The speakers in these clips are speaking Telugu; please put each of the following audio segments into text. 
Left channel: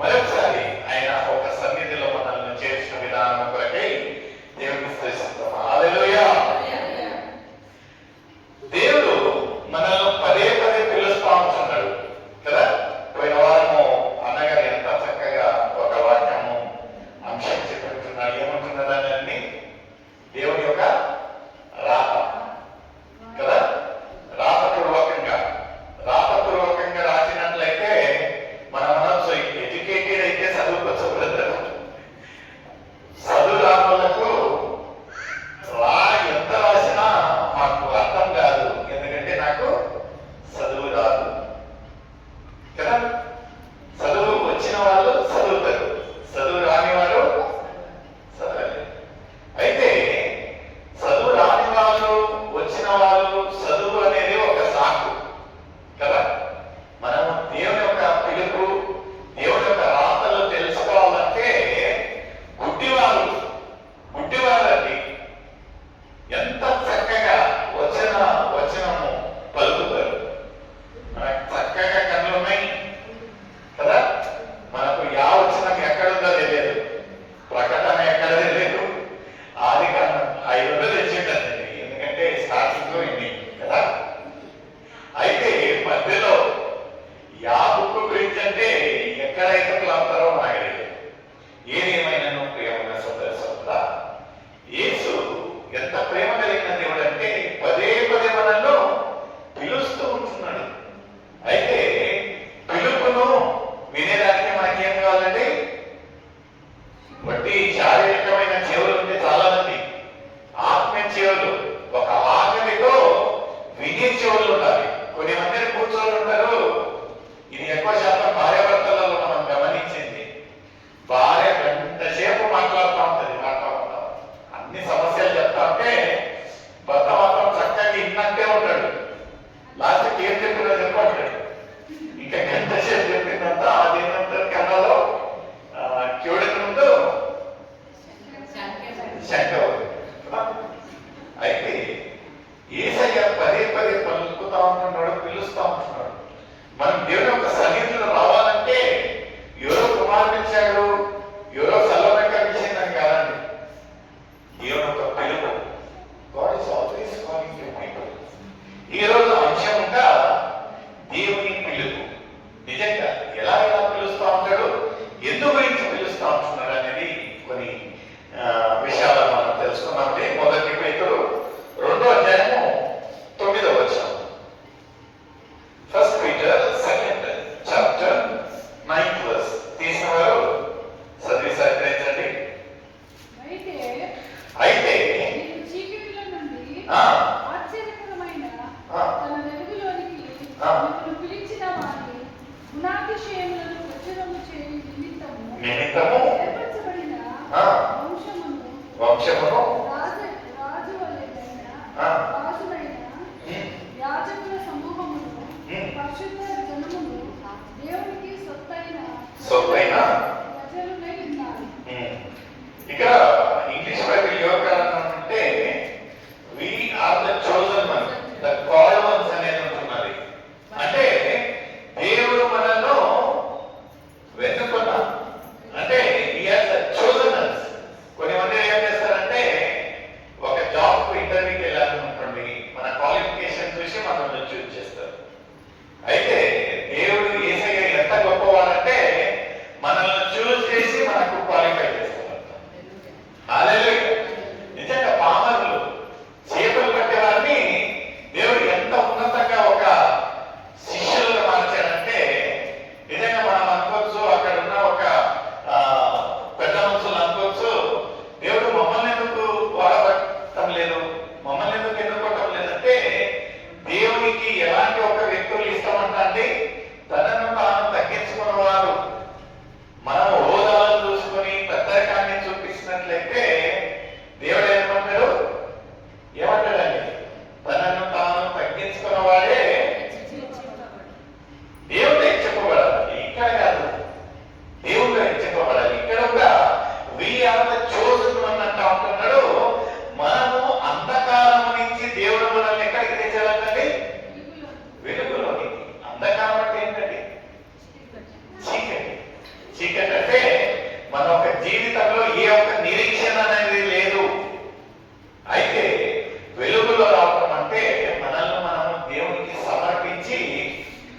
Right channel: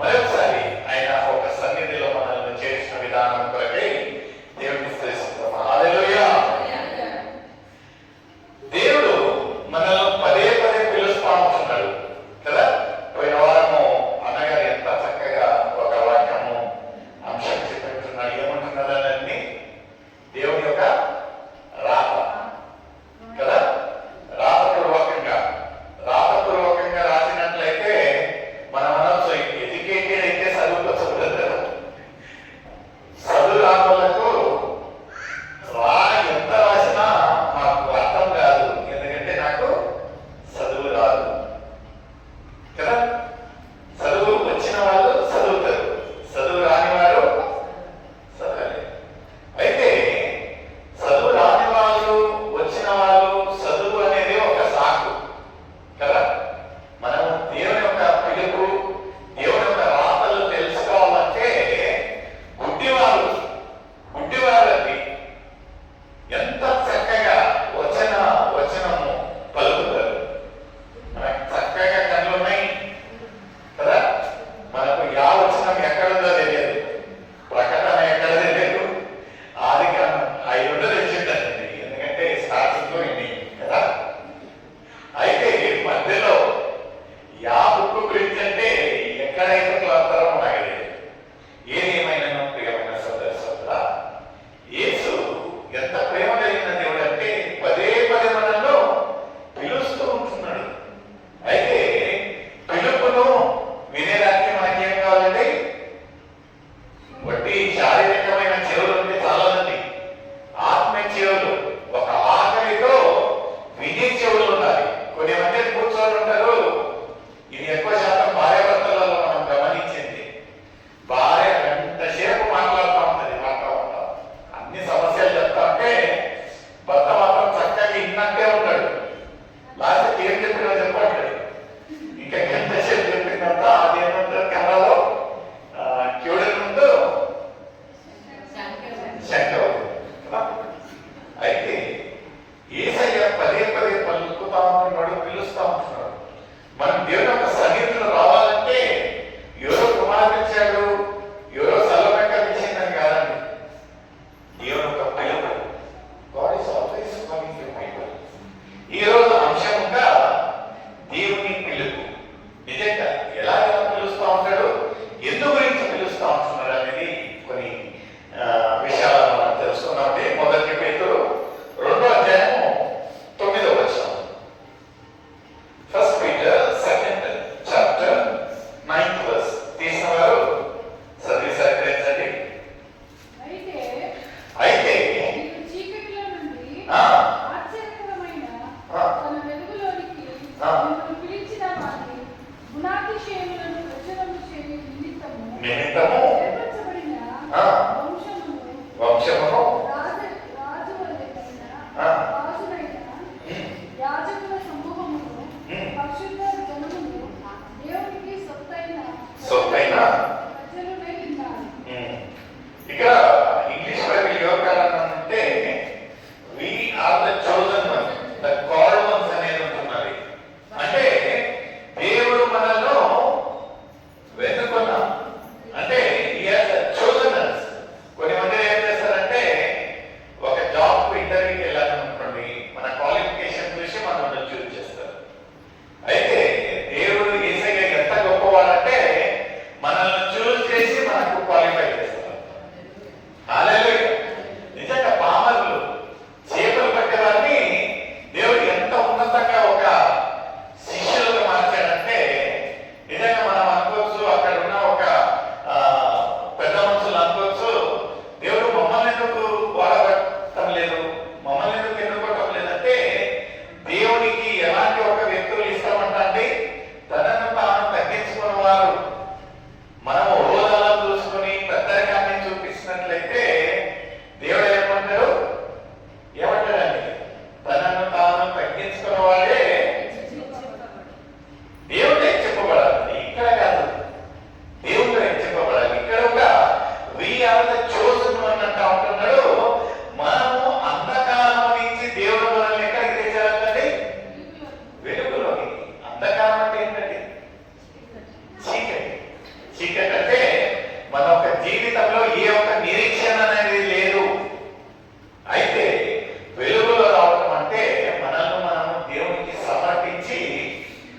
మరొకసారి ఆయన ఒక సన్నిధిలో మనల్ని చేర్చిన విధానం కొరకై దేవుడిని స్తుతిస్తున్నాం. హల్లెలూయా. దేవుడు మనల్ని పదే పదే పిలుస్తా ఉంటున్నాడు కదా. పోయిన వారము అన్నగారు ఎంత చక్కగా ఒక వాక్యము అంశం చెప్పినట్టున్నాడు. ఏమంటున్నాడు అన్నీ దేవుని యొక్క రాత కదా. రాతపూర్వకంగా రాసినట్లయితే మనం అనొచ్చు ఎడ్యుకేటెడ్ అయితే చదువుకోవచ్చు. చదువు రాని వాళ్ళకు ఎంత రాసినా మాకు అర్థం కాదు, ఎందుకంటే నాకు చదువు రాదు కదా. చదువు వచ్చిన వాళ్ళు చదువుతారు, చదువు రాని వారు చదవలేరు. అయితే చదువు రాని వాళ్ళు వచ్చిన వాళ్ళు చదువు అనేది ఒక సాకు కదా. మనం దేవుని యొక్క పిలుపు, దేవుని యొక్క రాతలు తెలుసుకోవాలంటే గుడ్డివారండి ఎంత చక్కగా వచనము పలుకుతారు. మనకు చక్కగా కళ్ళు ఉన్నాయి కదా. మనకు వచనం ఎక్కడుందో తెలియదు, ప్రకటన ఎక్కడ తెలియదు, ఆదికాండం 5 తెలిసిందండి, ఎందుకంటే స్టార్టింగ్ లో ఇన్ని కదా. అయితే మధ్యలో బుక్ గురించి అంటే ఎక్కడైతే అంటారో మనకు తెలియదు. ఏదేమైనా ప్రియమైన సోదర, యేసు ఎంత ప్రేమ కలిగిన దేవుడు అంటే పదే పదే మనల్లో పిలుస్తూ ఉంటున్నాడు. అయితే పిలుపును వినేదానికి మనకేం కావాలండి? వట్టి శారీరకమైన చెవులు ఉంటే చాలానండి. ఆత్మీయ చెవులు, ఒక ఆకలితో వినే చెవులు ఉండాలి. కొన్ని మంది కూర్చొని ఉంటారు. ఇది ఎక్కువ శాతం భార్యాభర్తలలో మనం గమనించింది. భార్య గంట సేపు మాట్లాడుతూ ఉంటుంది, అన్ని సమస్యలు చెప్తా ఉంటే భర్త మాత్రం చక్కగా ఇన్నట్టే ఉంటాడు. లాస్ట్కి ఏం చెప్పినా చెప్పంటాడు. ఇంకా గంట సేపు చెప్పిందంతా అదేంటంటే కెమెరాలో చూడక ముందు శంక కదా. అయితే యేసయ్య పదే పదే పలుకుతా ఉంటున్నాడు, పిలుస్తా ఉంటున్నాడు. మనం దేవుని యొక్క సన్నిధిలో రావాలంటే ఎవరో కుమార్పించాడు, ఎవరో సలభకరించిందని కాదండి. దేవుని యొక్క పిలుపు. God is always calling to people. ఈ రోజు అంశంగా దేవుని పిలుపు. నిజంగా ఎలా పిలుస్తా ఉంటాడు, ఎందు గురించి పిలుస్తా ఉంటున్నాడు అనేది కొన్ని విషయాలను మనం తెలుసుకున్నామంటే 1 పేతురు 2వ అధ్యాయము 9వ వచనం. 1 Peter 2nd chapter 9th verse. తీసిన వారు చదివి సహకరించండి. అయితే నిమిత్తము వంశమును సొత్తైన ఇక్కడ ఇంగ్లీష్ బైబిల్ యోగకాలంటే we are the chosen ones, the called ones అనేది ఉంటున్నది. అంటే దేవుడు మనలో వెతుకున్నా అంటే he has chosen us. కొన్ని మంది ఏం చేస్తారంటే ఒక జాబ్ కు ఇంటర్వ్యూకి వెళ్ళాలనుకోండి, మన క్వాలిఫికేషన్ చూసి మనల్ని చూస్ చేస్తారు. అయితే దేవుడు యేసయ్య ఎంత గొప్పవాడంటే మనల్ని చీకటి అంటే మన ఒక జీవితంలో ఏ ఒక్క నిరీక్షణ అనేది లేదు. అయితే వెలుగులో రావటం అంటే మనల్ని మనము దేవునికి సమర్పించి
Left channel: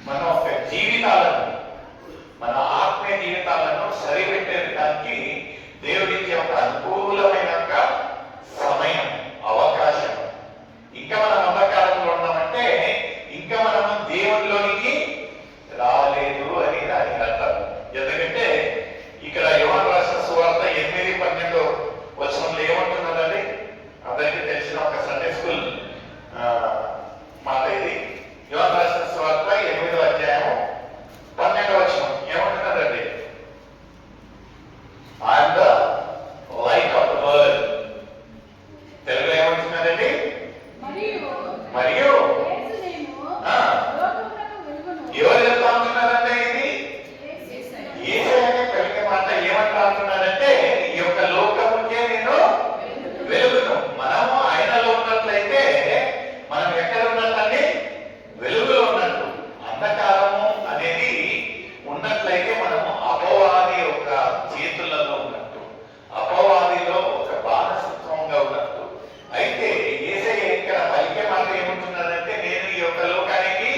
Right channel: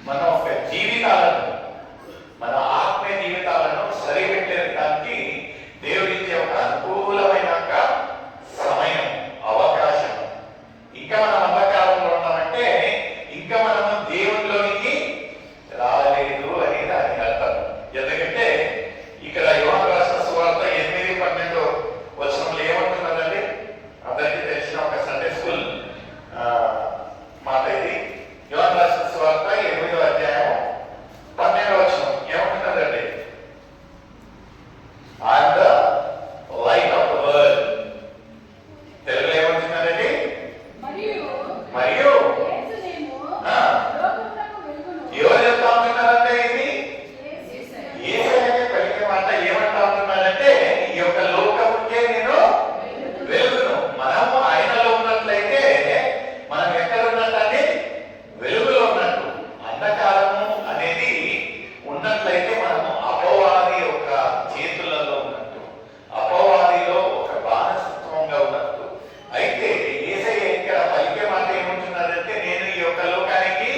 మన ఒక జీవితాలను, మన ఆత్మీయ జీవితాలను సరిపెట్టడానికి దేవుడిచ్చే ఒక అనుకూలమైన సమయం, అవకాశం. ఇంకా మనం అంధకారంలో ఉన్నామంటే ఇంకా మనము దేవునిలోనికి రాలేదు అని దానికి అర్థం. ఎందుకంటే ఇక్కడ యోహాను రాసిన సువార్త 8:12 వచనంలో ఏమంటున్నదండి? అందరికీ తెలిసిన ఒక సండే స్కూల్ మాట ఇది. యోహాను రాసిన సువార్త 8వ అధ్యాయం 12వ వచనం ఏమంటున్నదండి? I am the light of the world. తెలుగులో ఏమంటున్నదండి? మరియు ఎవరు చెప్తా ఉంటున్నారంటే ఇది యేసయ్యనే పలికే మాట. ఏమంటా ఉంటున్నారంటే ఈ యొక్క లోకముకే నేను వెలుగును. మనము ఆయనలో ఉన్నట్లయితే మనం ఎక్కడ ఉన్నట్టండి? వెలుగులో ఉన్నట్టు. అంధకారము అనేది ఉన్నట్లయితే మనము అపవాది ఒక చేతులలో ఉన్నట్టు, అపవాదిలో ఒక బానిసత్వంగా ఉన్నట్టు. అయితే యేసయ్య ఇక్కడ పలికే మాట ఏమంటున్నారంటే నేను ఈ యొక్క లోకానికి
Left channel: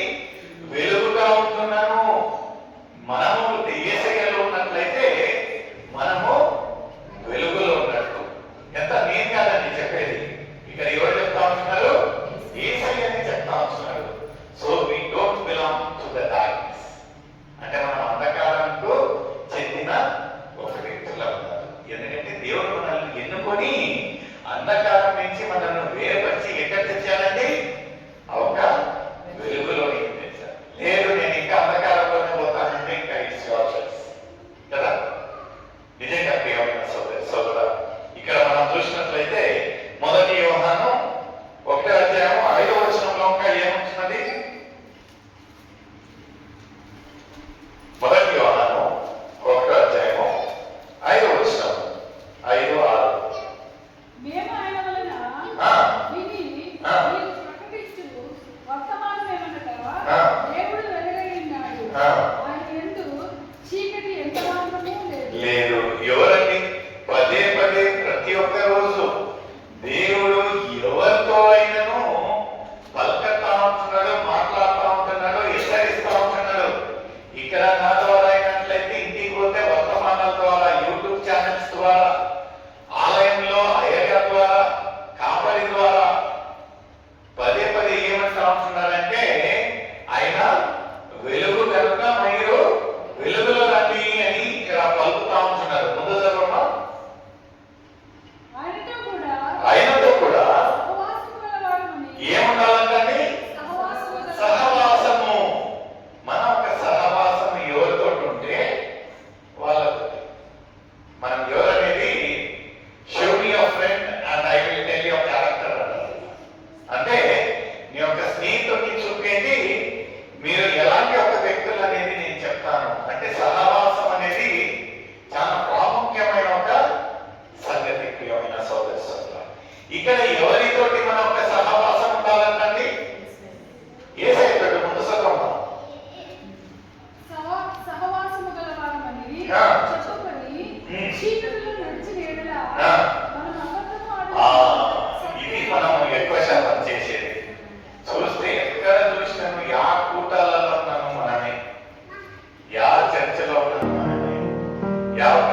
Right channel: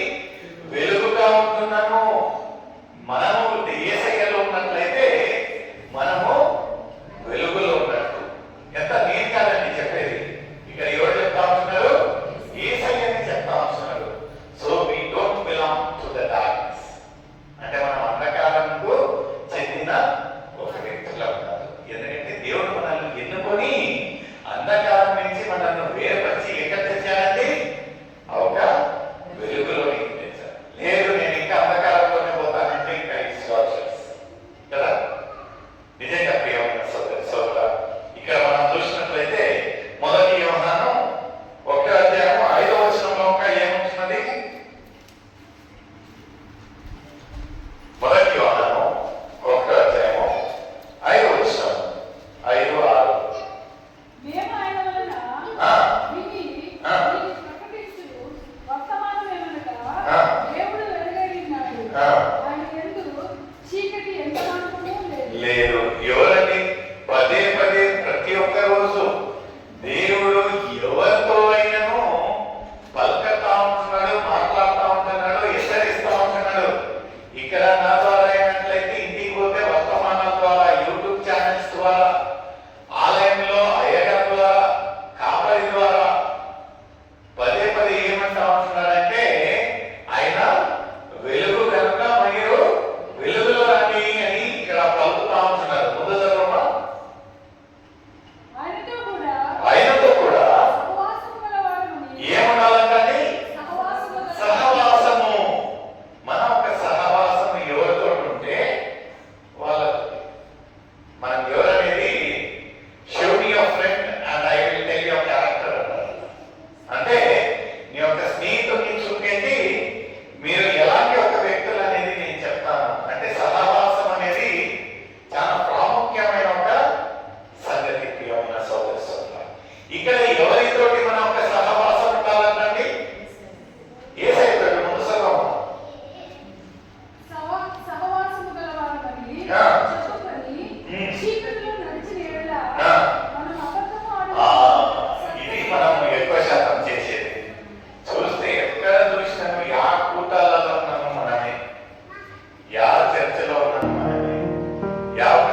వెలుగుగా ఉంటున్నాను. మనము యేసయ్యలో ఉన్నట్లయితే మనము వెలుగులో ఉన్నట్టు. ఎంత నేను కాదండి చెప్పేది, ఇక్కడ ఎవరు చెప్తా ఉంటున్నారు? యేసయ్యని చెప్తా ఉంటున్నారు. So we don't belong to the darkness. అంటే మనం అంధకారంకు చెందిన ఒక వ్యక్తులు ఉన్నారు. ఎందుకంటే దేవుడు మనల్ని ఎన్నుకొని అంధకారం నుంచి మనల్ని వేరుపరిచి ఎక్కడ తెచ్చాడండి? ఒక వెలుగులోని తెచ్చాడు. లేదు నేను ఇంకా అంధకారంలోనే పోతానంటే ఇంకా కదా. నిజంగా ప్రియమైన సోదర, ఇక్కడ మనం చూసినట్లయితే 1 యోహాను 1వ అధ్యాయం 5వ వచనంలో ఇంకా ఏముంటున్నది? 1 యోహాను 1వ అధ్యాయం 5వ వచనం 5, 6. లేదు. ఎవరండి? పదే పదే ప్రతి ఒక్క రోజు దేవుడు ఎవరితో అయినను పలకతా ఉంటున్నాడు, మాట్లాడుతూ ఉంటున్నాడు, హెచ్చరిస్తూ ఉంటున్నాడు. ఇక్కడ నా ద్వారా అయినట్లయితే ఇంటికి పోతే వర్తమానాల ద్వారా, యూట్యూబ్ ఛానల్స్ ద్వారా, ఆలయంలో అయ్యగారి ద్వారా, కాపరి ద్వారా పదే పదే ఏమంటా ఉంటున్నారంటే ఆయన వెలుగు కనుక మీరు వెలుగులో రండి అని ఇక్కడ పలుకుతా ఉంటున్నారు. ముందు చదవమా. ఆయనతో కూడా ఏముండాలంటే సహవాసము. మన ఒక సహవాసము ఎవరితో ఉంటే వాళ్ళతో. మనం ఎవరనేది show me your friend and I will tell your character అంటారు. అంటే నీ యొక్క స్నేహితుడిని చూపేది మీరు ఎలాంటి ఒక వ్యక్తులు అనేది నేను చెప్తాను. అంటే సహవాసం అనేది చాలా ప్రాముఖ్యమైన ఒక సంగతి. ప్రియమైన సోదరులారా, ఇక్కడ ఎవరితోటి మన ఒక సహవాసం ఉండాలంటే యేసయ్యతో. ముందు చదవమా. ఇది మనము ఎక్కువ శాతం చేసేది. చూస్తే ఎక్కడ చూసినాము యా కూటాలలో ఉన్నాము మనమే, యా చర్చలో ఉన్నాము మనమే, యా ఒక